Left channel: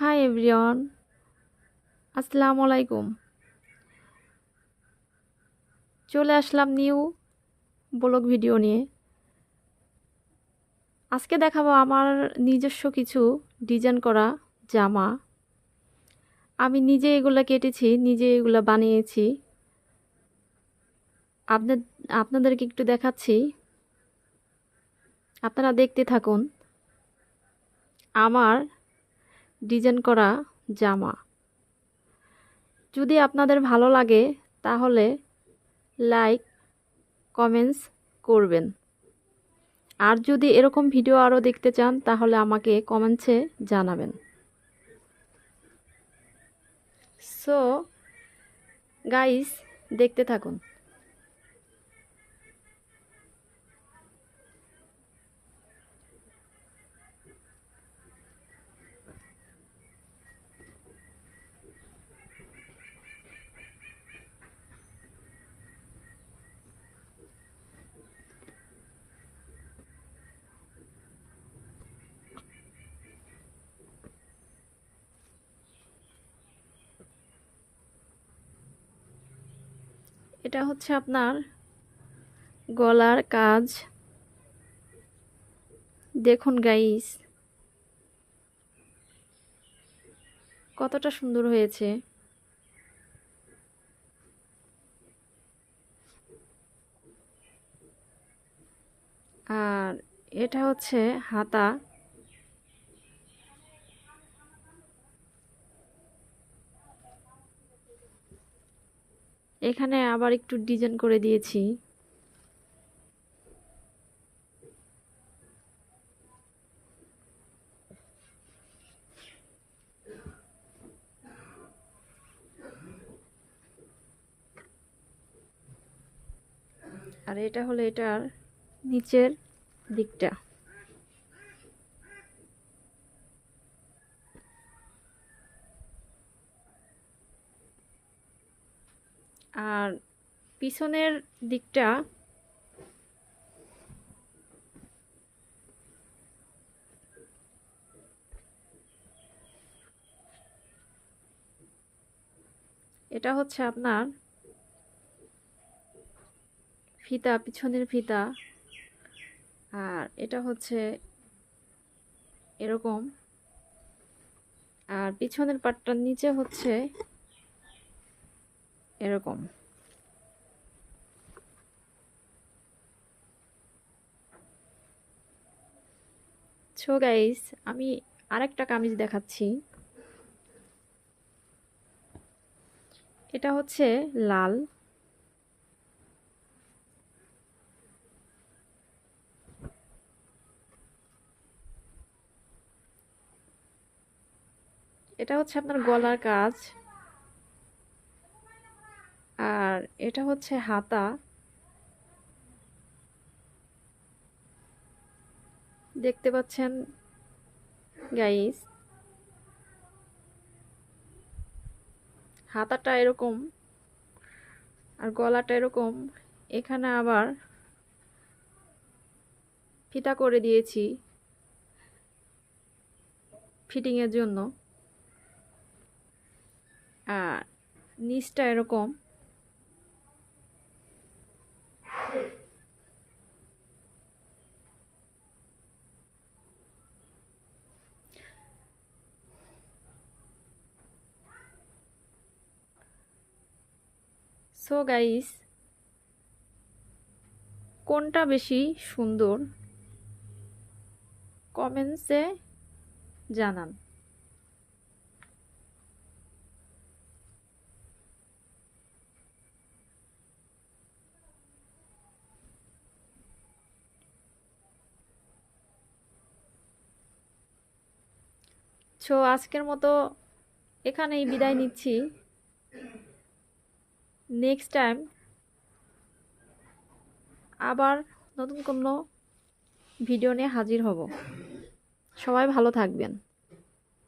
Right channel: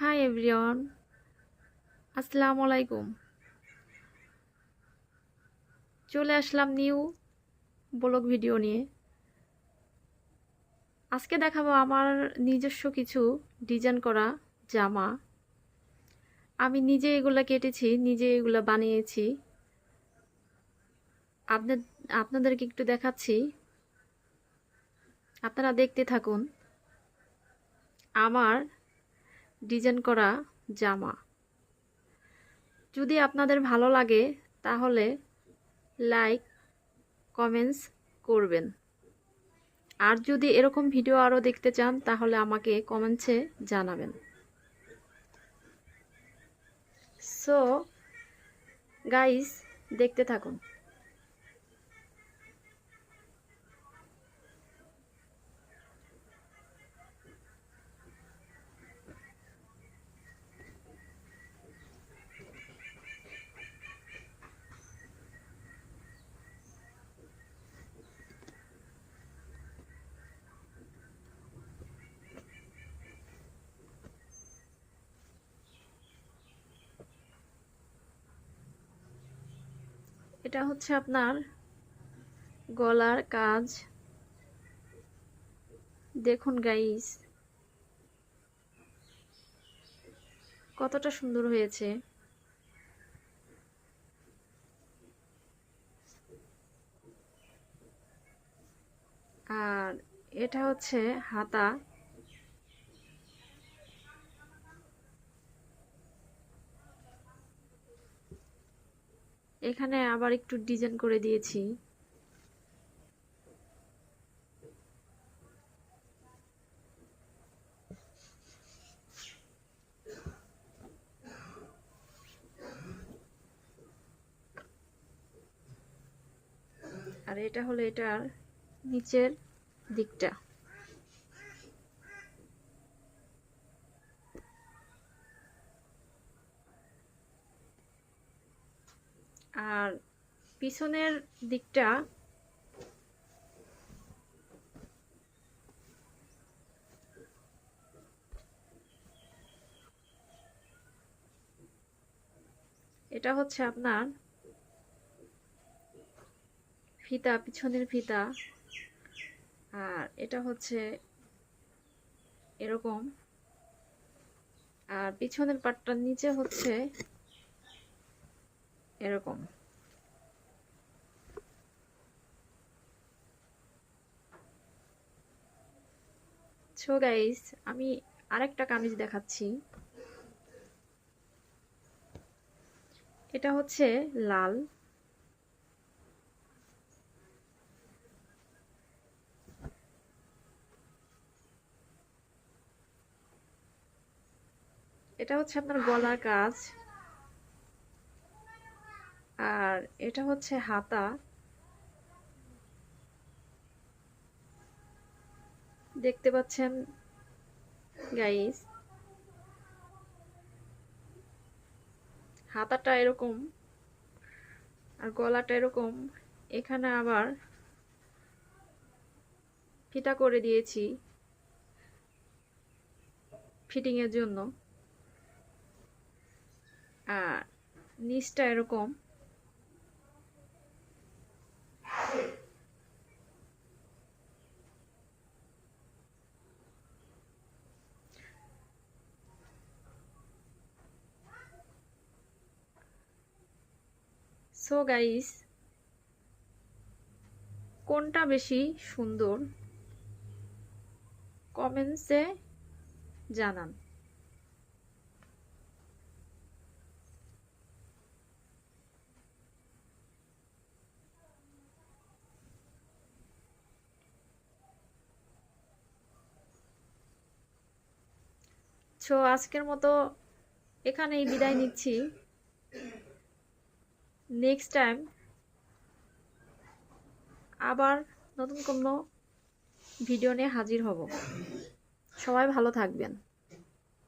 Hi everyone, আসসালামু আলাইকুম। চলে আসলাম নিউ ব্লগ ভিডিও নিয়ে। আজকে দেখাবো আমার নিজস্ব কিছু ডিজাইন করা জামা। আমি নিজে এগুলো কেটেছি, নিজে এগুলো বানিয়েছি। আপনাদেরকে একটু দেখাচ্ছি, আপনারা দেখতে থাকুন আমার ডিজাইন করা জামা। যদি আপনাদের ভালো লাগে তাহলে লাইক কমেন্টস করবেন। আর যদি এরকম ভিডিও আরও দেখতে চান তাহলে আমাকে কমেন্টসে জানাবেন। সো গাইস, দেখতে থাকুন। এটা হচ্ছে আপনার গলার কাজ। দেখুন গাইস, কতটা সুন্দর হয়েছে। আর এটা হচ্ছে হাতা। এখানে আবার একটু ডিজাইন করে দিয়েছি। আর এটা হলো এটার নিচের দিকটা। আর পিছনের দিকটা এটা হচ্ছে আপনার ফিতা, পিছনের ফিতা। আর এটা হচ্ছে এরকম। আর পিছনের পাটটার নিচে হচ্ছে এরকম। সো গাইস, আমি আরেকটা কামিজ দেখাচ্ছি। এটা হচ্ছে লাল। এটা হচ্ছে আপনার গলার কাজ। আর এটা হচ্ছে হাতা। দেখতে পাচ্ছেন গাইস, হাতাটা এরকম আর গলাটা এরকম। এখানে আবার ফিতা করে দিয়েছি ফিটিং এর জন্য। আর নিচটা এরকম। সো গাইস, কোনটা বেশি সুন্দর কমেন্টসে জানান। সো আজকের মতো এখানেই বিদায় নিচ্ছি। নেক্সট টাইম আবার নতুন কোনো ভিডিও নিয়ে হাজির হব। সবাই ভালো থাকবেন।